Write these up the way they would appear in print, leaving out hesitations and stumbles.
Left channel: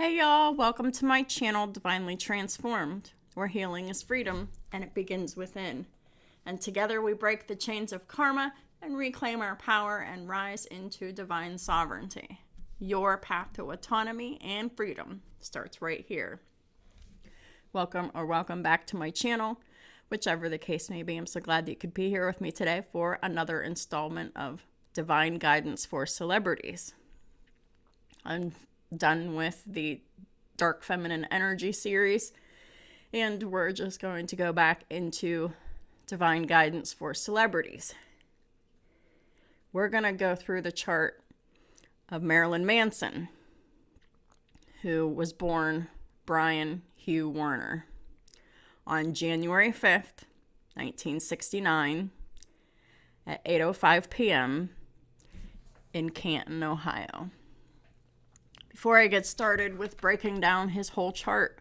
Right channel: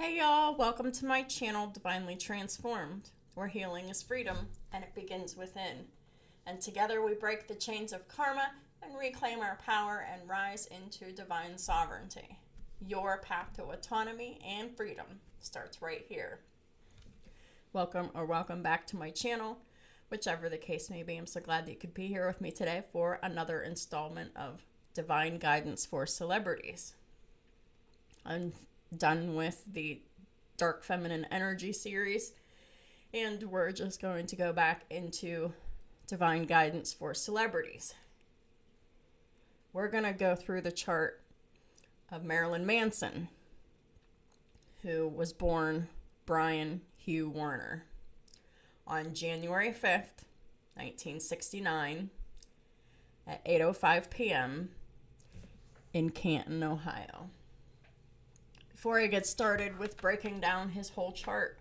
Hey y'all, welcome to my channel, Divinely Transformed, where healing is freedom and it begins within. And together we break the chains of karma and reclaim our power and rise into divine sovereignty. Your path to autonomy and freedom starts right here. Welcome back to my channel, whichever the case may be. I'm so glad that you could be here with me today for another installment of Divine Guidance for Celebrities. I'm done with the Dark Feminine Energy series, and we're just going to go back into Divine Guidance for Celebrities. We're going to go through the chart of Marilyn Manson, who was born Brian Hugh Warner on January 5th, 1969 at 8:05 p.m. in Canton, Ohio. Before I get started with breaking down his whole chart,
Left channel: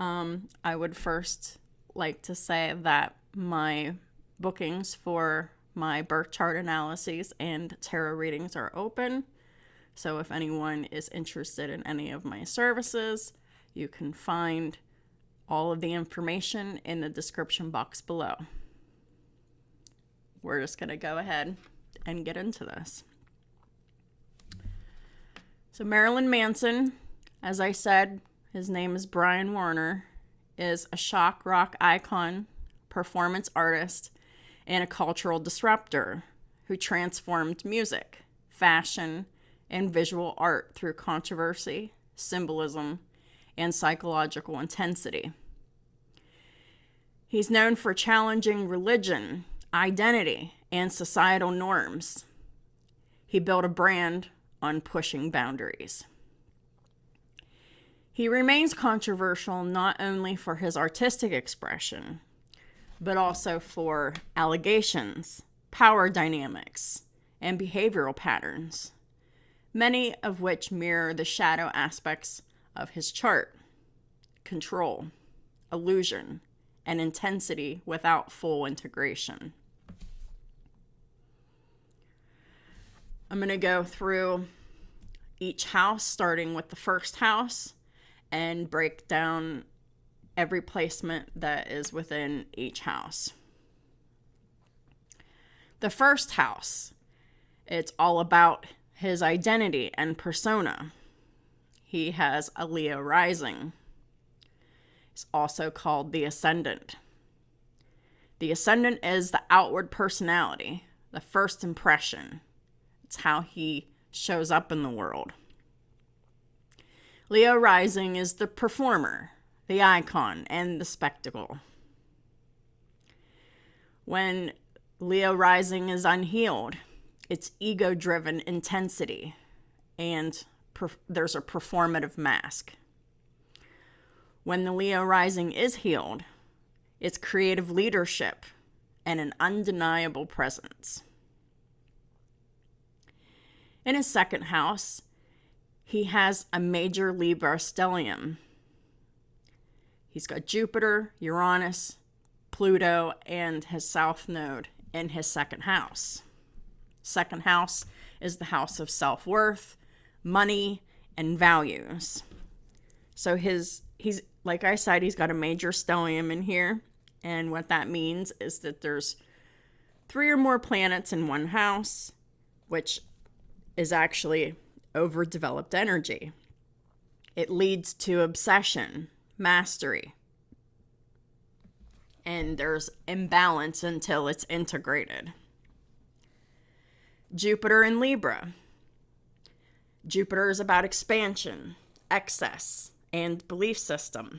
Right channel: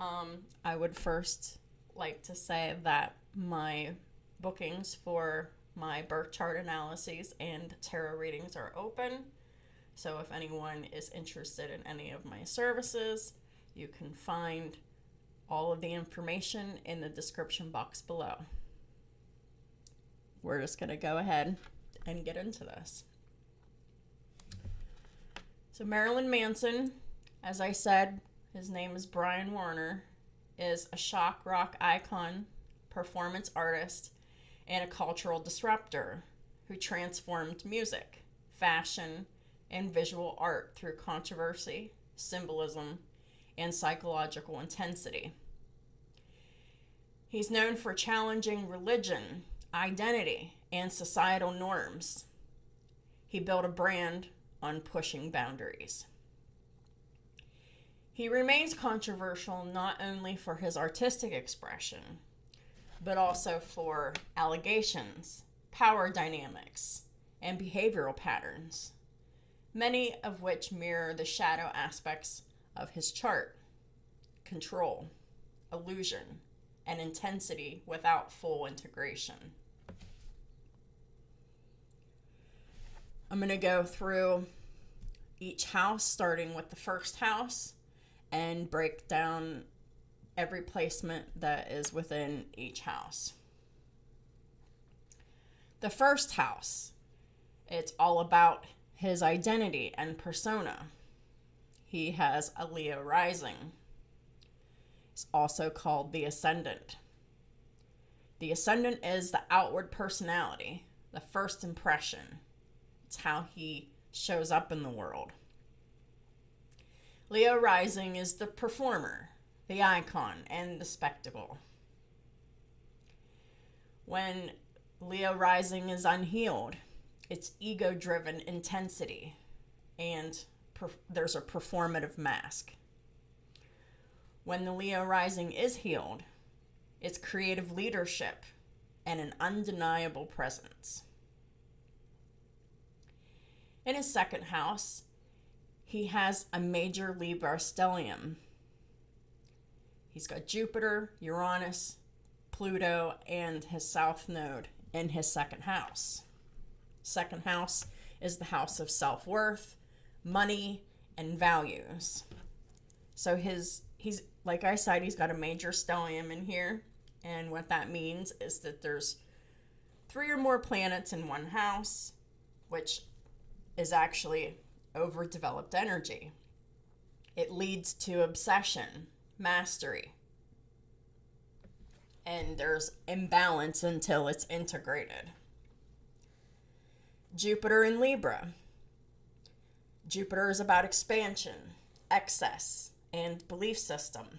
I would first like to say that my bookings for my birth chart analyses and tarot readings are open. So if anyone is interested in any of my services, you can find all of the information in the description box below. We're just going to go ahead and get into this. So Marilyn Manson, as I said, his name is Brian Warner, is a shock rock icon, performance artist, and a cultural disruptor who transformed music, fashion, and visual art through controversy, symbolism, and psychological intensity. He's known for challenging religion, identity, and societal norms. He built a brand on pushing boundaries. He remains controversial not only for his artistic expression, but also for allegations, power dynamics, and behavioral patterns, many of which mirror the shadow aspects of his chart: control, illusion, and intensity without full integration. I'm going to go through each house, starting with the first house, and break down every placement that is within each house. The first house, it's all about his identity and persona. He has a Leo rising. It's also called the Ascendant. The Ascendant is the outward personality, the first impression. It's how he shows up in the world. Leo rising is the performer, the icon, and the spectacle. When Leo rising is unhealed, it's ego-driven intensity, and there's a performative mask. When the Leo rising is healed, it's creative leadership and an undeniable presence. In his second house, he has a major Libra stellium. He's got Jupiter, Uranus, Pluto, and his south node in his second house. Second house is the house of self-worth, money, and values. So he's like I said, he's got a major stellium in here, and what that means is that there's 3 or more planets in one house, which is actually overdeveloped energy. It leads to obsession, mastery, and there's imbalance until it's integrated. Jupiter in Libra. Jupiter is about expansion, excess, and belief system.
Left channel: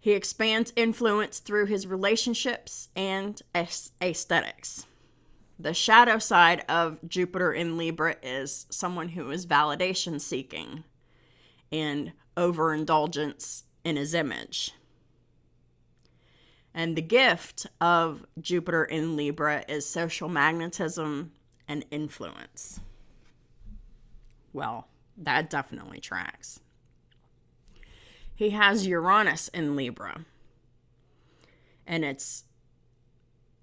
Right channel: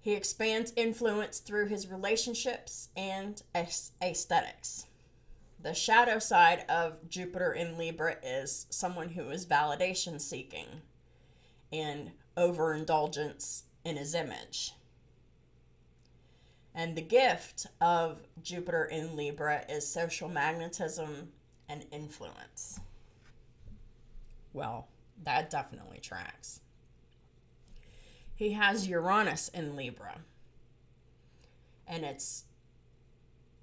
He expands influence through his relationships and aesthetics. The shadow side of Jupiter in Libra is someone who is validation seeking and overindulgence in his image. And the gift of Jupiter in Libra is social magnetism and influence. Well, that definitely tracks. He has Uranus in Libra, and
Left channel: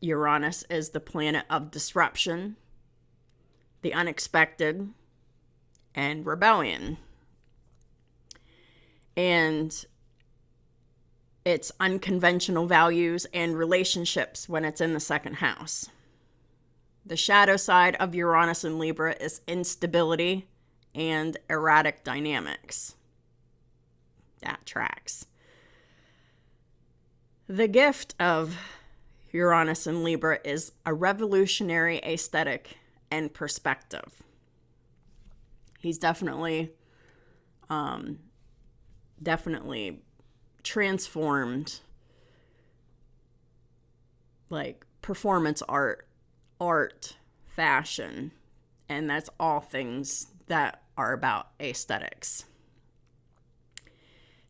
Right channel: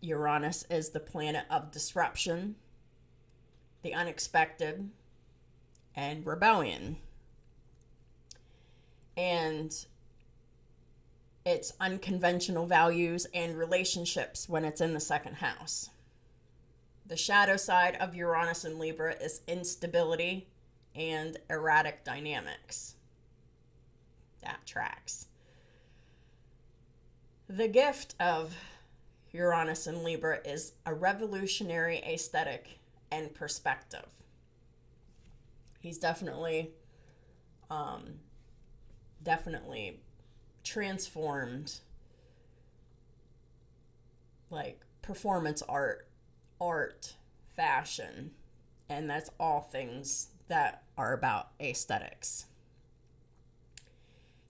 Uranus is the planet of disruption, the unexpected, and rebellion. And it's unconventional values and relationships when it's in the second house. The shadow side of Uranus and Libra is instability and erratic dynamics. That tracks. The gift of Uranus and Libra is a revolutionary aesthetic and perspective. He's definitely transformed, like, performance art, fashion, and that's all things that are about aesthetics.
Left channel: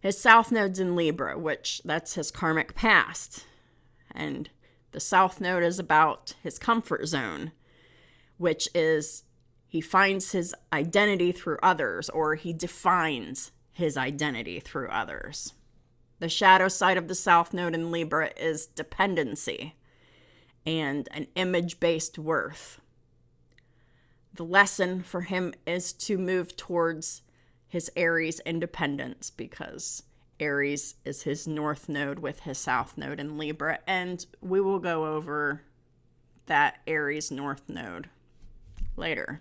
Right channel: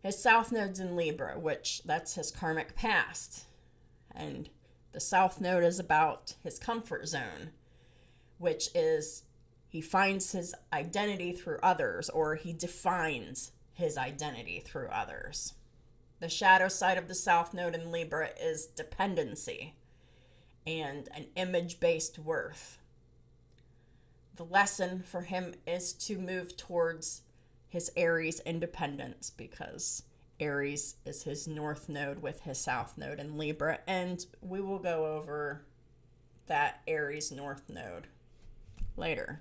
His South Node's in Libra, which that's his karmic past. And the South Node is about his comfort zone, which is he finds his identity through others, or he defines his identity through others. The shadow side of the South Node in Libra is dependency and an image-based worth. The lesson for him is to move towards his Aries independence, because Aries is his North Node with his South Node in Libra, and we will go over that Aries North Node later.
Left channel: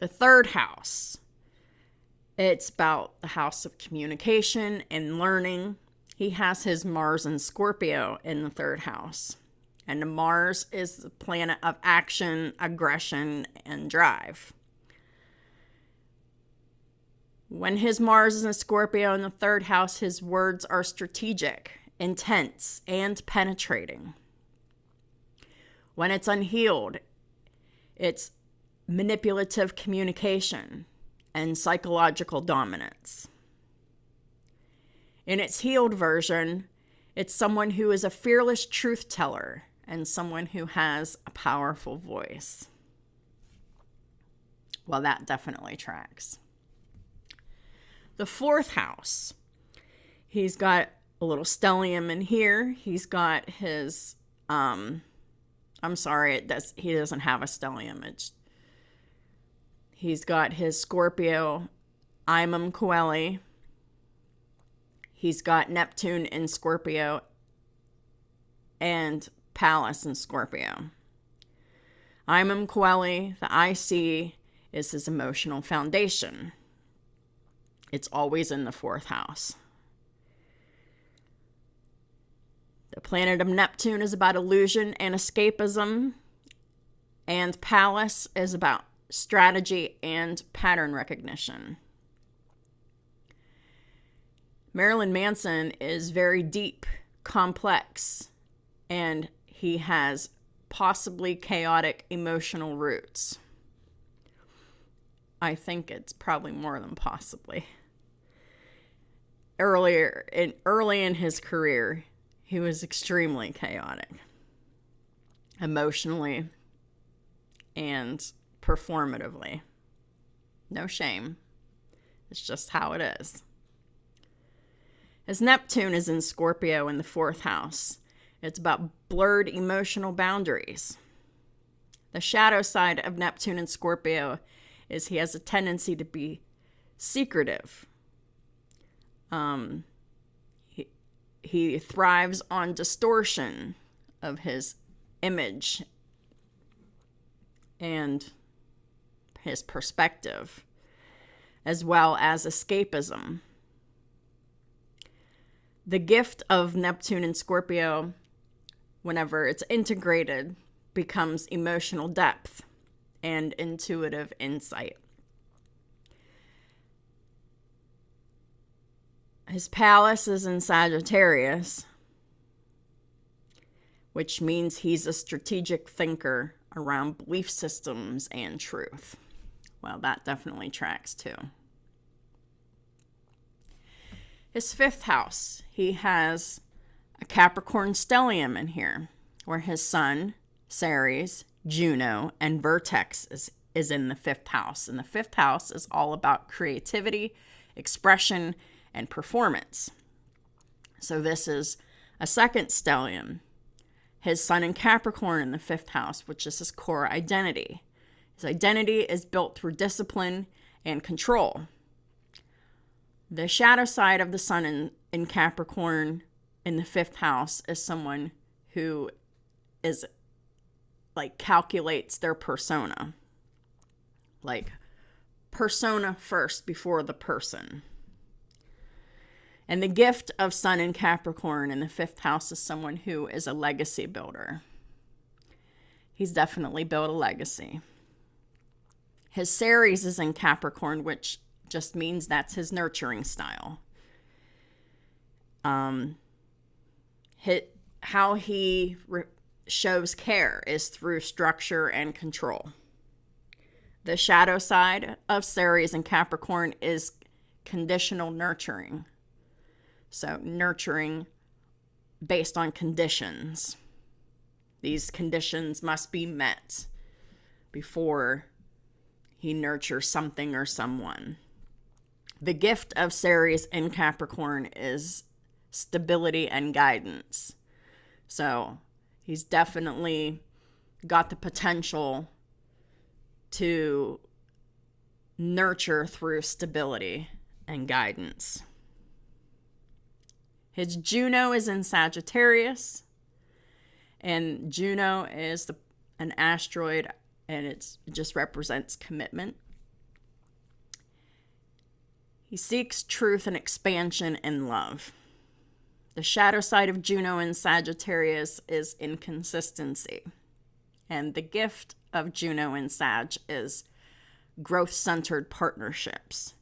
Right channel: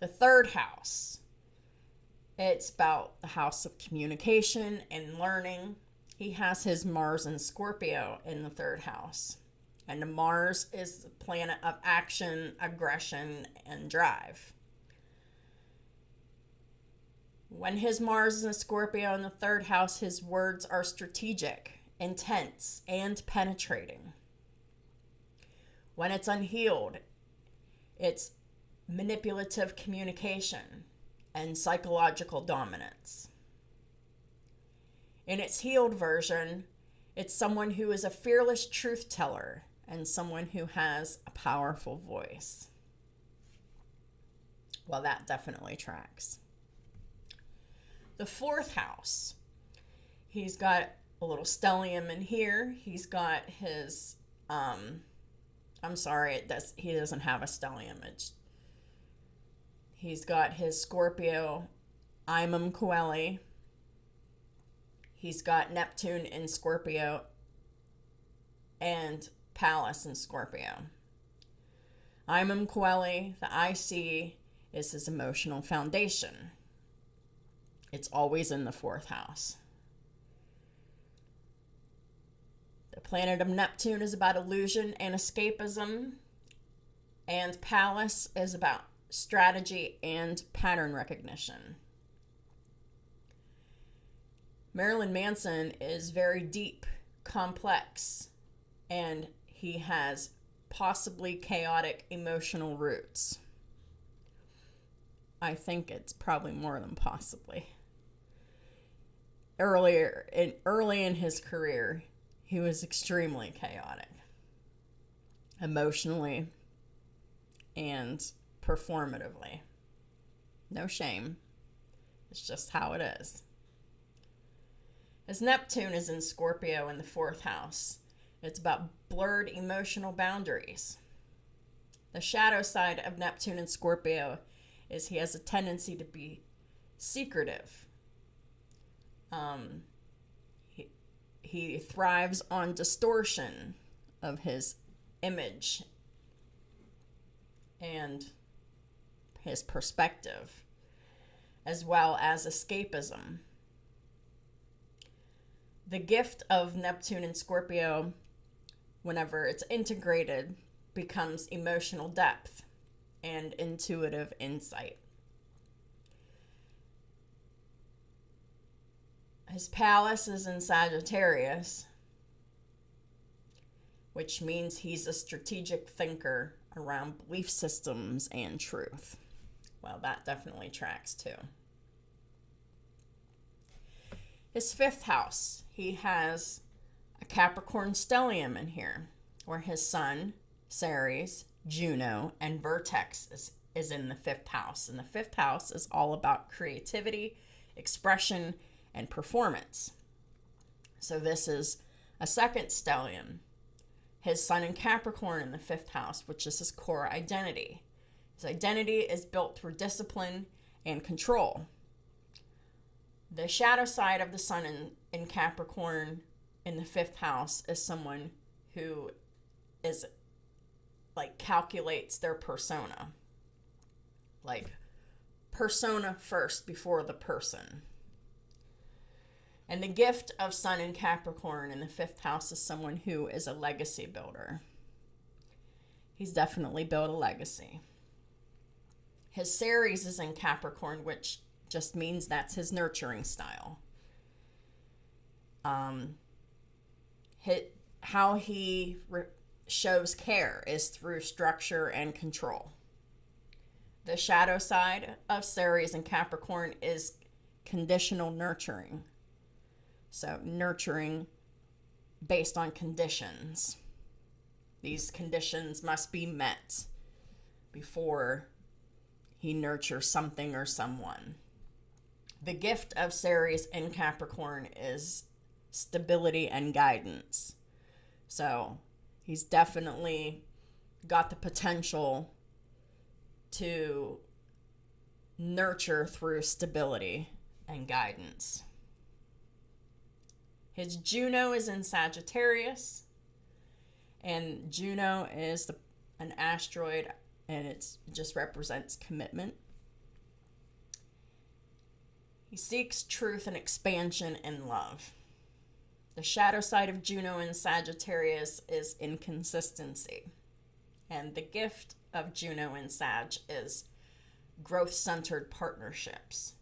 The third house, it's about the house of communication and learning. He has his Mars in Scorpio in the third house. And Mars is the planet of action, aggression, and drive. When his Mars is in Scorpio in the third house, his words are strategic, intense, and penetrating. When it's unhealed, it's manipulative communication and psychological dominance. In its healed version, it's someone who is a fearless truth teller and someone who has a powerful voice. Well, that definitely tracks. The fourth house, he's got a little stellium in here. He's got his, he doesn't have a stellium. He's got his Scorpio Imum Coeli. He's got Neptune in Scorpio and Pallas in Scorpio. Imum Coeli, the IC, is his emotional foundation. It's always in the fourth house. The planet of Neptune is about illusion and escapism, and Pallas is about strategy and pattern recognition. Marilyn Manson is very deep, complex, and he has possibly chaotic emotional roots. I think it's probably more than possibly. Early in his career, he was extremely chaotic, emotionally and performatively. No shame. It's just how it is. As Neptune is in Scorpio in the fourth house, it's about blurred emotional boundaries. The shadow side of Neptune in Scorpio is he has a tendency to be secretive. He thrives on distortion of his image and his perspective, as well as escapism. The gift of Neptune in Scorpio, whenever it's integrated, becomes emotional depth and intuitive insight. His Pallas is in Sagittarius, which means he's a strategic thinker around belief systems and truth. Well, that definitely tracks too. His fifth house, he has a Capricorn stellium in here, where his Sun, Ceres, Juno, and Vertex is in the fifth house. And the fifth house is all about creativity, expression, and performance. So this is a second stellium. His Sun in Capricorn in the fifth house, which is his core identity. His identity is built through discipline and control. The shadow side of the sun in Capricorn in the 5th house is someone who is like calculates their persona. Like persona first before the person. And the gift of sun in Capricorn in the 5th house is someone who is a legacy builder. He's definitely built a legacy. His Ceres is in Capricorn, which just means that's his nurturing style. How he shows care is through structure and control. The shadow side of Ceres in Capricorn is conditional nurturing. So nurturing based on conditions. These conditions must be met before he nurtures something or someone. The gift of Ceres in Capricorn is stability and guidance. So he's definitely got the potential to nurture through stability and guidance. His Juno is in Sagittarius, and Juno is an asteroid, and it just represents commitment. He seeks truth and expansion in love. The shadow side of Juno in Sagittarius is inconsistency. And the gift of Juno in Sag is growth-centered partnerships.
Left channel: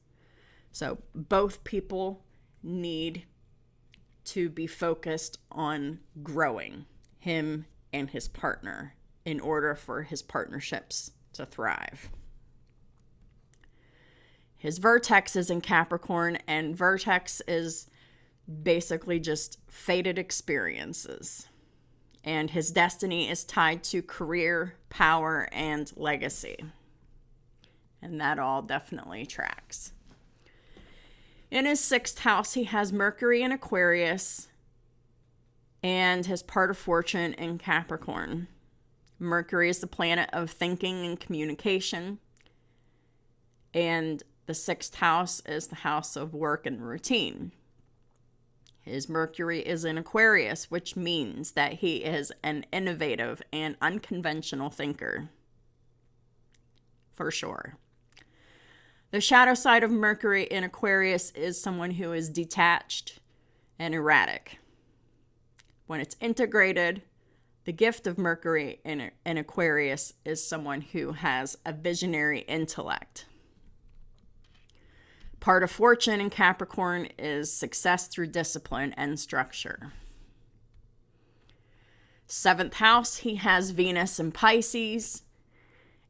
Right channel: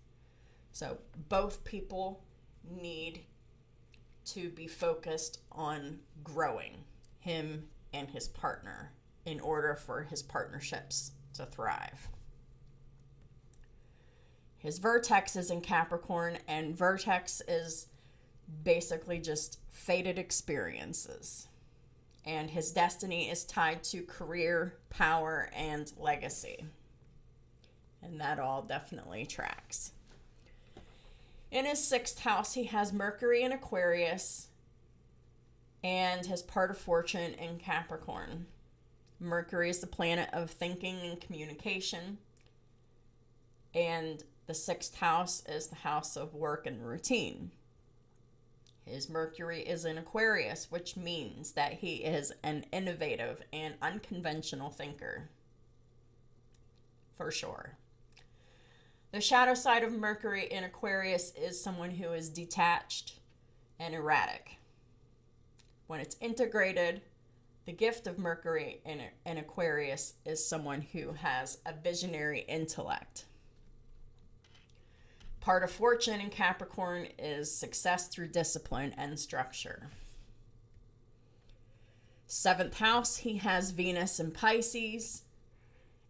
So both people need to be focused on growing, him and his partner, in order for his partnerships to thrive. His vertex is in Capricorn, and vertex is basically just fated experiences. And his destiny is tied to career, power, and legacy. And that all definitely tracks. In his 6th house, he has Mercury in Aquarius and his part of fortune in Capricorn. Mercury is the planet of thinking and communication. And the 6th house is the house of work and routine. His Mercury is in Aquarius, which means that he is an innovative and unconventional thinker. For sure. The shadow side of Mercury in Aquarius is someone who is detached and erratic. When it's integrated, the gift of Mercury in Aquarius is someone who has a visionary intellect. Part of fortune in Capricorn is success through discipline and structure. 7th house, he has Venus in Pisces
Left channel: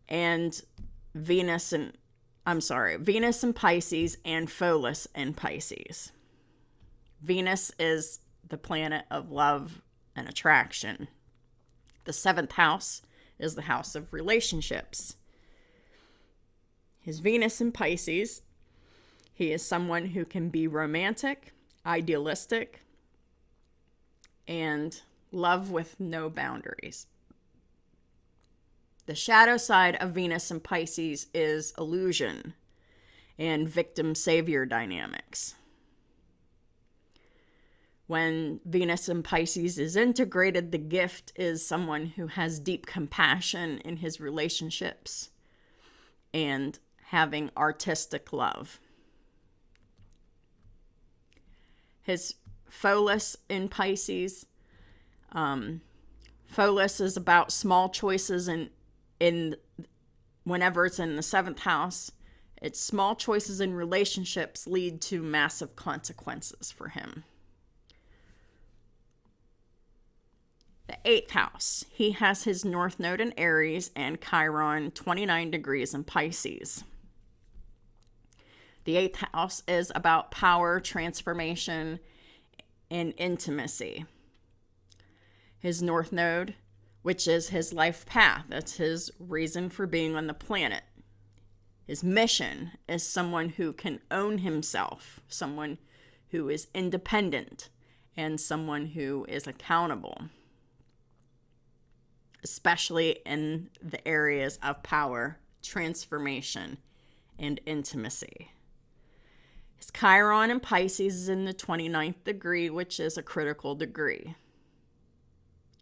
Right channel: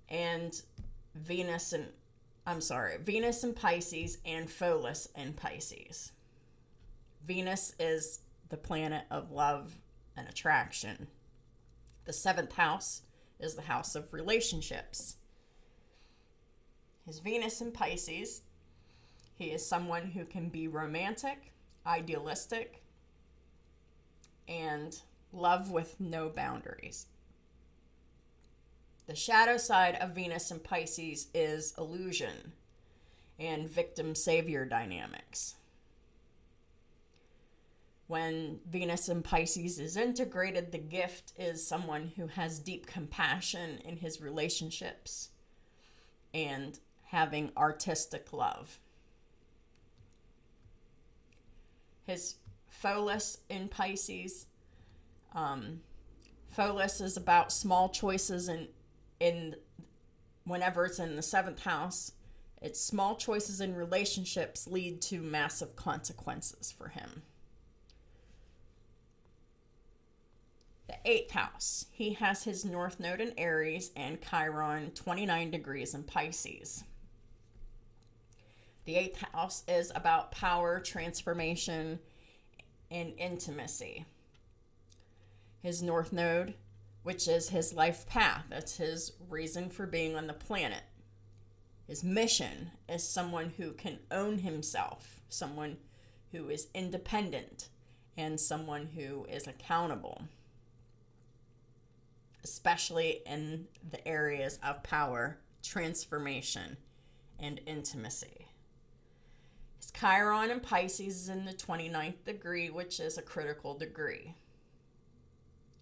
and Venus in Pisces and Pholus in Pisces. Venus is the planet of love and attraction. The 7th house is the house of relationships. His Venus in Pisces, he is someone who can be romantic, idealistic, and love with no boundaries. The shadow side of Venus in Pisces is illusion and victim-savior dynamics. When Venus in Pisces is integrated, the gift is someone who has deep compassion in his relationships and having artistic love. His Pholus in Pisces, Pholus is about small choices in whenever it's in the 7th house. It's small choices in relationships lead to massive consequences for him. The 8th house, he has his North Node in Aries and Chiron 29 degrees in Pisces. The 8th house is about power, transformation, and intimacy. His North Node, which is his life path, that's his reason for being on the planet. His mission is someone who can own himself, someone who is independent, and someone who is accountable, especially in the areas of power transformation, and intimacy. His Chiron in Pisces is in the 29th degree, which is a critical degree.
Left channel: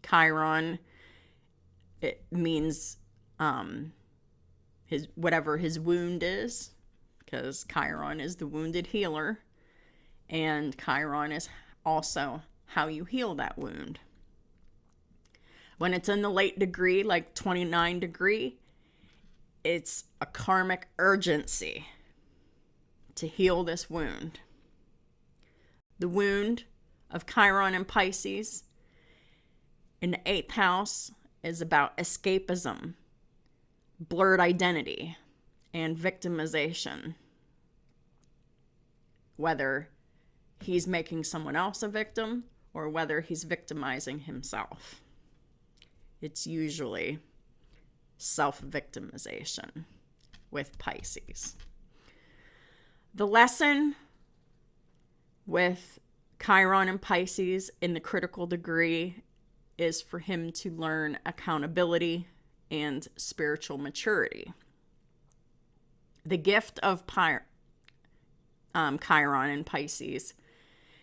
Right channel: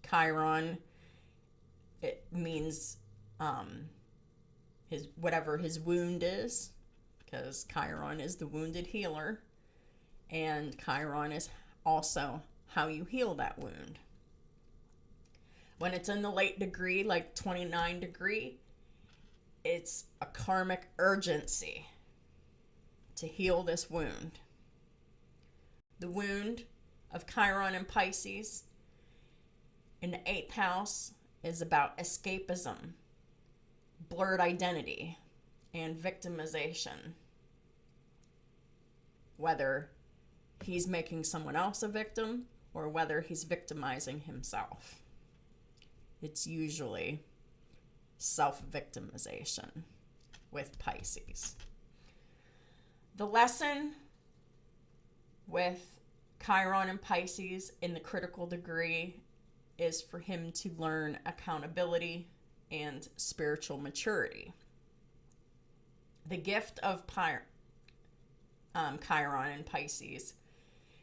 Chiron, it means whatever his wound is, because Chiron is the wounded healer, and Chiron is also how you heal that wound. When it's in the late degree, like 29 degree, it's a karmic urgency to heal this wound. The wound of Chiron in Pisces in the 8th house is about escapism, blurred identity, and victimization. Whether he's making someone else a victim or whether he's victimizing himself. It's usually self-victimization with Pisces. The lesson with Chiron and Pisces in the critical degree is for him to learn accountability and spiritual maturity. The gift of Chiron and Pisces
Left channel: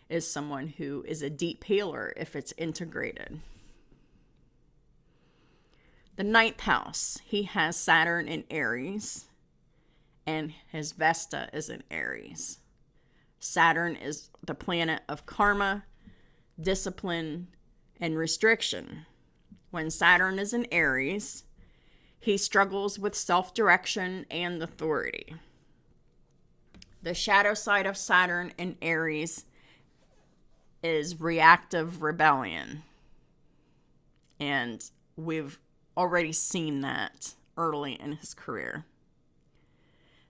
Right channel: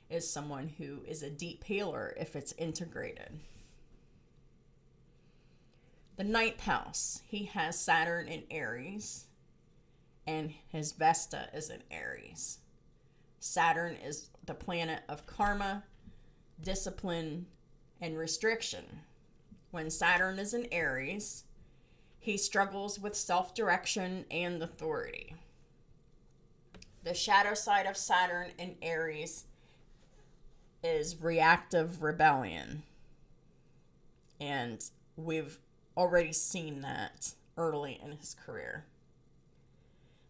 is someone who is a deep healer if it's integrated. The 9th house, he has Saturn in Aries, and his Vesta is in Aries. Saturn is the planet of karma, discipline, and restriction. When Saturn is in Aries, he struggles with self-direction and authority. The shadow side of Saturn in Aries is reactive rebellion. And we've already seen that early in his career.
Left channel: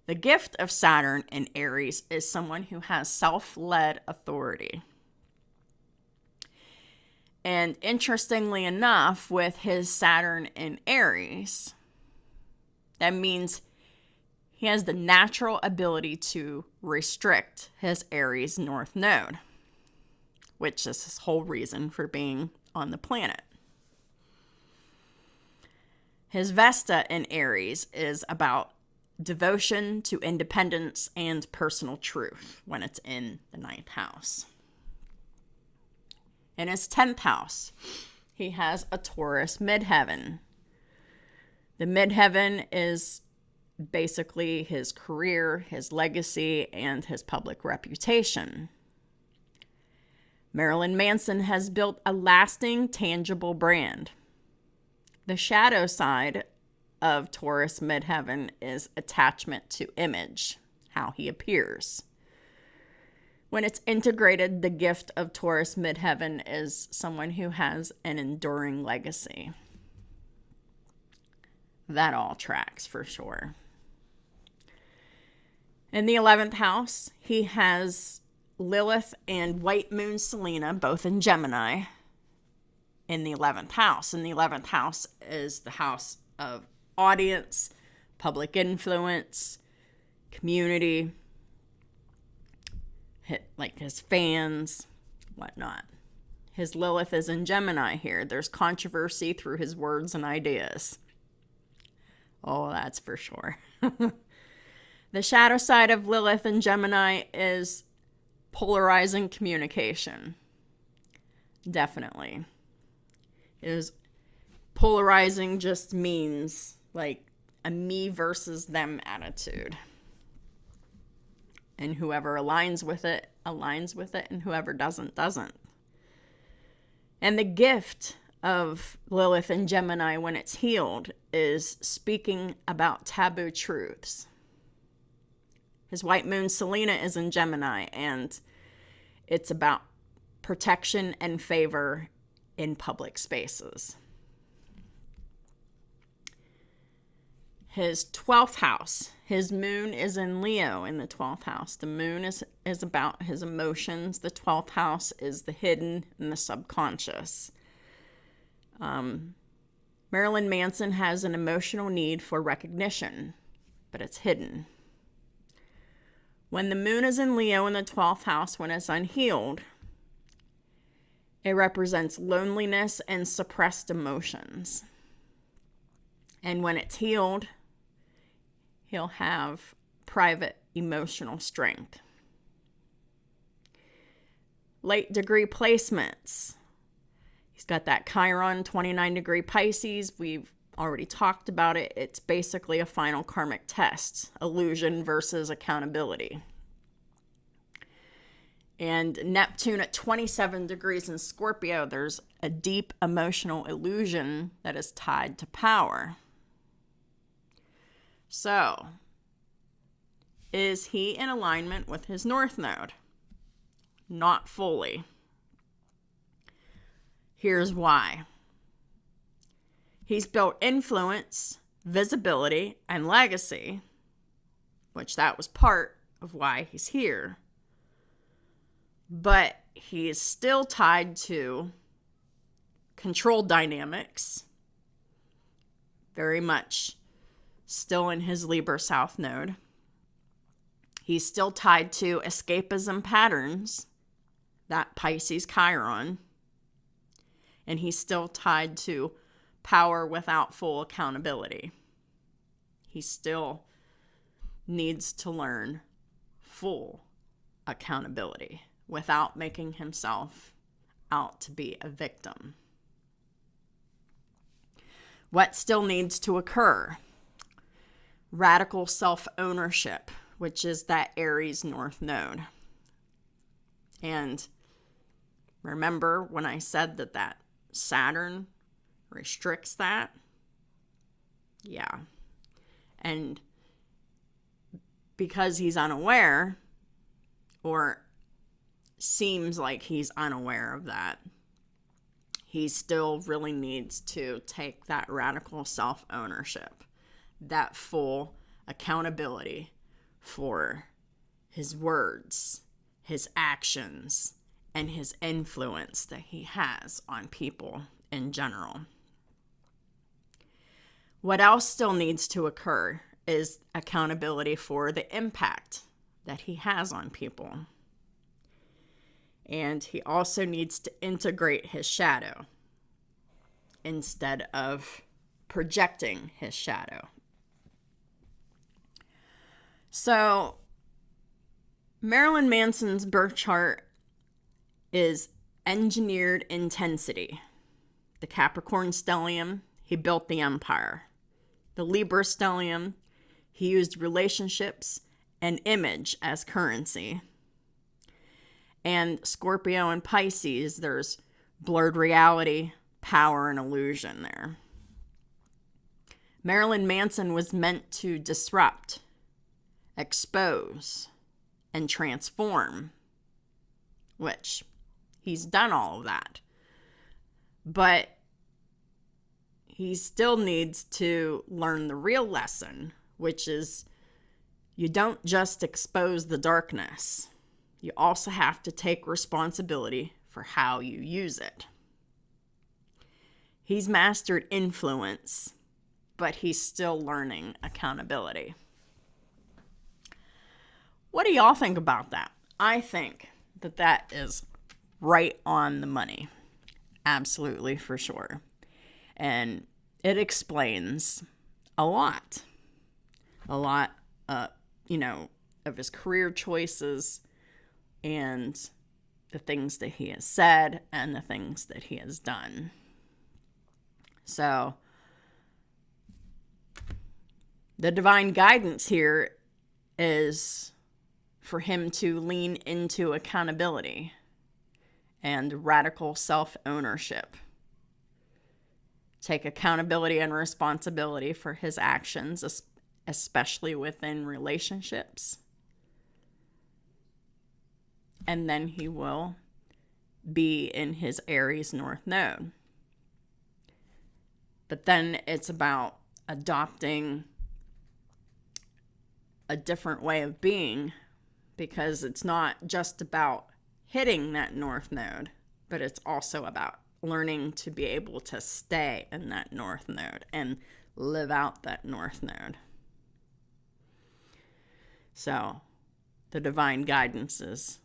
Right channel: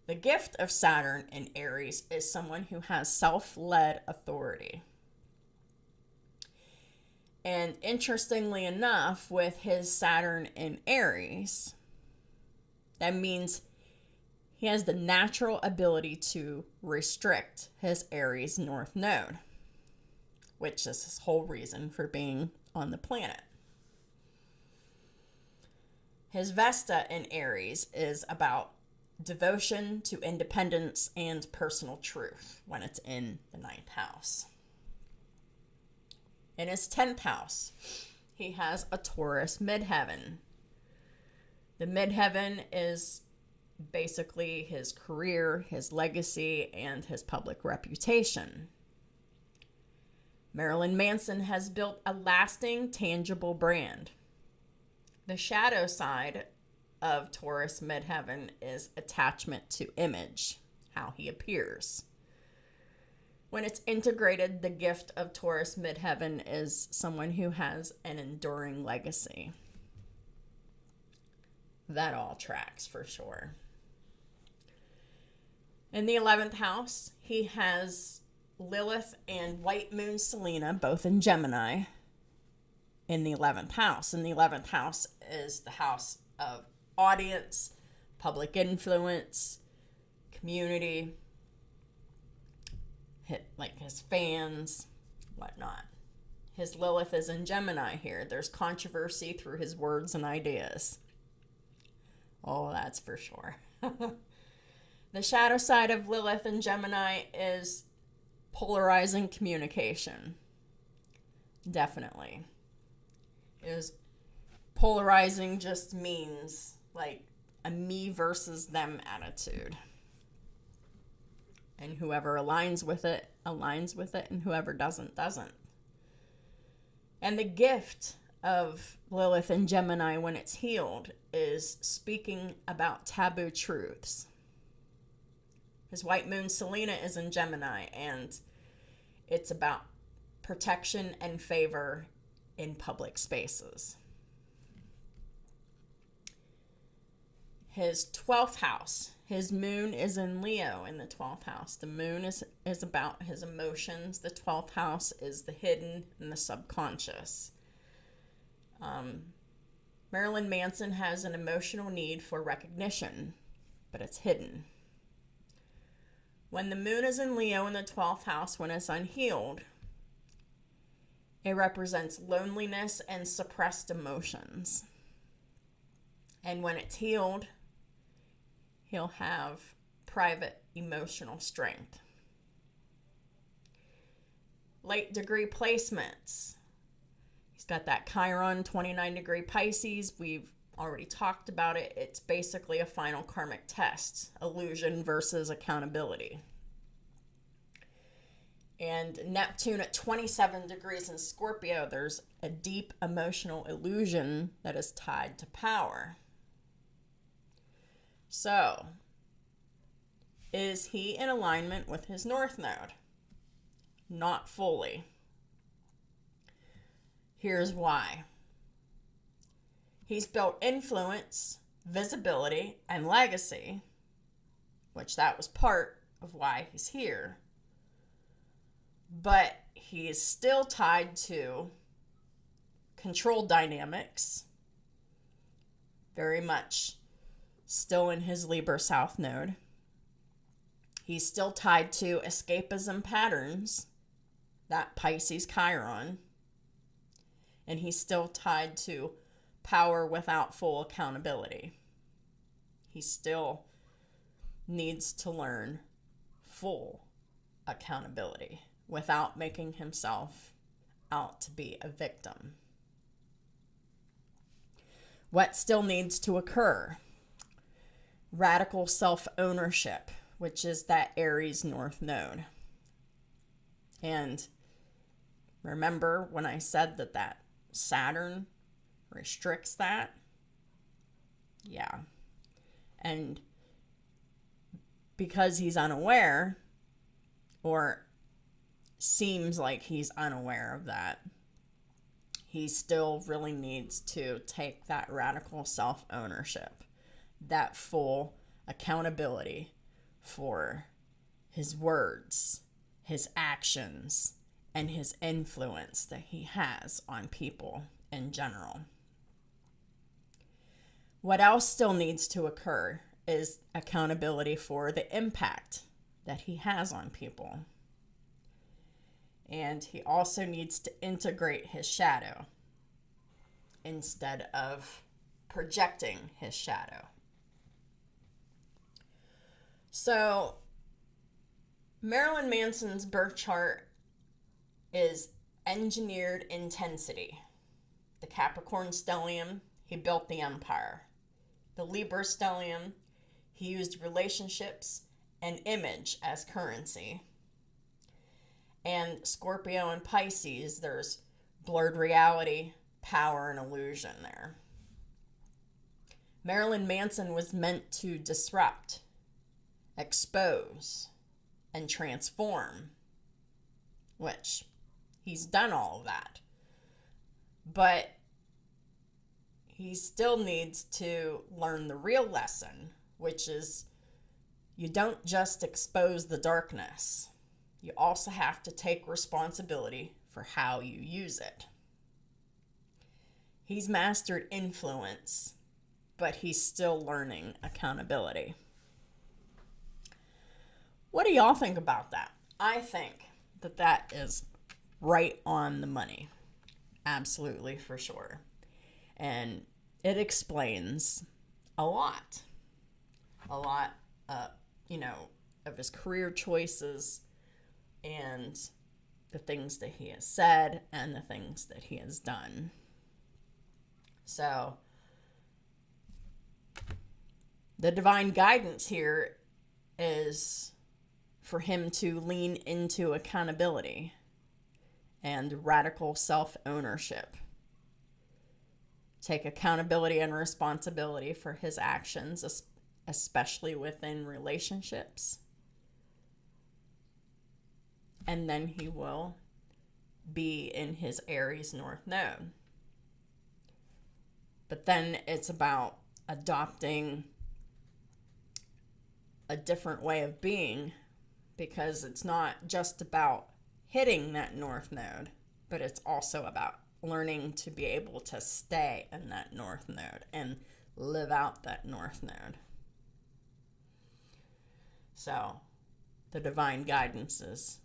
The gift of Saturn in Aries is someone who has self-led authority. And interestingly enough, with his Saturn in Aries, that means he has the natural ability to restrict his Aries North Node, which is his whole reason for being on the planet. His Vesta in Aries is about devotion to independence and personal truth when it's in the 9th house. In his 10th house, he has a Taurus midheaven. The midheaven is basically his career, his legacy, and his public reputation. Marilyn Manson has built a lasting, tangible brand. The shadow side of Taurus midheaven is attachment to image, how he appears. When it's integrated, the gift of Taurus midheaven is someone who has an enduring legacy. That all tracks for sure. In the 11th house, he has Lilith and White Moon Selena, both in Gemini, in the 11th house. And the 11th house is the house of audience, public influence, community, like his fans, whatnot. His Lilith is in Gemini here. There's controversy through his words and ideas. Oh, that's for sure. The shadow side of Lilith in Gemini is polarizing communication. Definitely. Polarizing just means like a me versus them attitude. And whoever aligns with it, and whoever doesn't. And the gift of Lilith and Gemini when it's healed is speaking about taboo truths. His White Moon Selena is in Gemini, and it's about protection and favor in public spaces. His 12th house, his moon is in Leo in the 12th house. The moon is about his emotions. The 12th house is the hidden and the subconscious. Marilyn Manson has an emotional need for recognition, but it's hidden. When the moon is in Leo in the 12th house, when it's unhealed, it represents loneliness and suppressed emotions. And when it's healed, he'll have private emotional strength. Late degree placements. He's got that Chiron 29 degree Pisces. We've already talked about it. It's basically a final karmic test, illusion versus accountability. And Neptune at 27 degrees in Scorpio, there's a deep emotional illusion that is tied to power. So, is he in alignment with his North Node? Not fully. Here's why. He's built influence, visibility, and legacy, which that was part of why he's here. But he is still tied to control dynamics, very much still in his Libra South Node. He's still tied to escapism patterns, that Pisces Chiron. And he's still tied to power without full accountability. He still needs to learn full accountability without making himself out to be a victim. What still needs to occur? Radical self-ownership, which is that Aries North Node. And remember when I said that Saturn restricts that? Yeah. And because he's unaware, or seems like he's unaware of that, he still really needs to take that radical self-ownership, that full accountability for his words, his actions, and his influence that he has on people in general. What else still needs to occur is accountability for the impact that he has on people. And he also needs to integrate his shadow instead of projecting his shadow. So, Marilyn Manson's birth chart is engineered intensity. The Capricorn stellium, he built the empire. The Libra stellium, he used relationships and image as currency. And Scorpio and Pisces, there's blurred reality, power, and illusion there. Marilyn Manson was meant to disrupt, expose, and transform, which he's done all of that. But he still needs to learn the real lesson, which is you don't just expose the darkness. You also have to take responsibility for how you use it. He's mastered influence, but he's still learning accountability. What do y'all think about that? I think that is right on the money. Absolutely, for sure. And it explains a lot. Of his career choices and the things that he has said and the things that he has done. So, the divine guidance here is for him to lean into accountability and radical self-ownership. Take accountability and responsibility for his actions, especially within relationships. And then he will be in his Aries North Node. But then it's about adopting a different way of being, because it's not just about hitting that North Node, but it's also about learning to be able to stay in that North Node and live out that North Node. So, the divine guidance is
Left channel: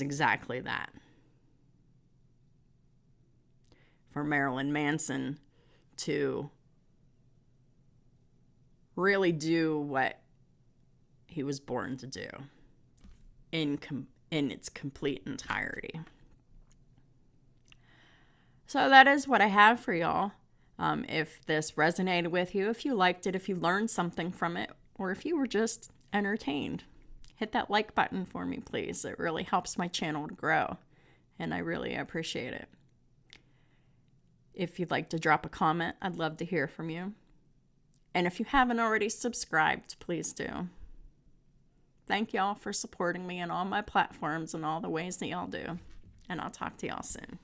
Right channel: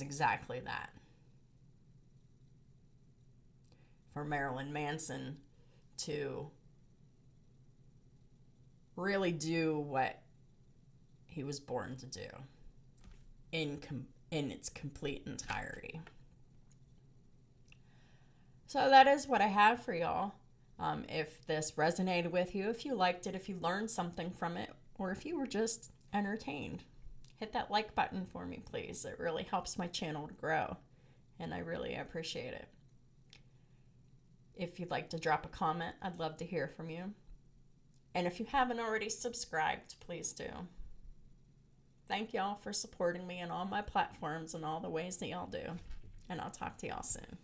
exactly that. For Marilyn Manson to really do what he was born to do in its complete entirety. So that is what I have for y'all. If this resonated with you, if you liked it, if you learned something from it, or if you were just entertained, hit that like button for me, please. It really helps my channel to grow, and I really appreciate it. If you'd like to drop a comment, I'd love to hear from you. And if you haven't already subscribed, please do. Thank y'all for supporting me in all my platforms and all the ways that y'all do. And I'll talk to y'all soon.